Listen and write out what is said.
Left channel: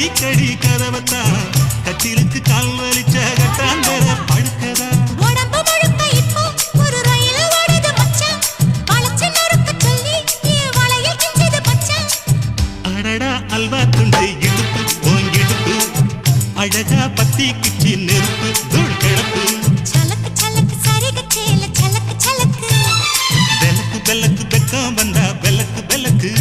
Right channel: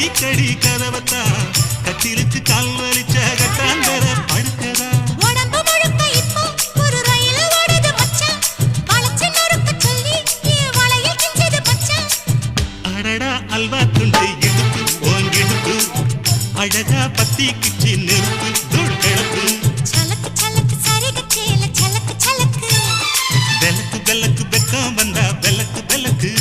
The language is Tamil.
தீக்கடி கதவத்தான் கட்டிலுக்கு கால் வலிச்ச கட்டாந்தர படுக்கதா உடம்பு முழுக்க இப்போ ஒரு ரயில் ஓடுது மச்சான் வளைச்சு நறுக்க சொல்லி என் வளையல் கிஞ்சது மச்சான் அடடா அல்வா துண்டு இடுப்பு ஓங்கிடுப்பு அழகா பத்தி கிச்சி நெருப்பு தூள் கிளப்பு சலக்கு சலக்கு சரிக சேல சலக்கு சலக்கு வெலக்கு வெலக்கு வெக்கம் வந்தா வெலக்கு வெலக்கு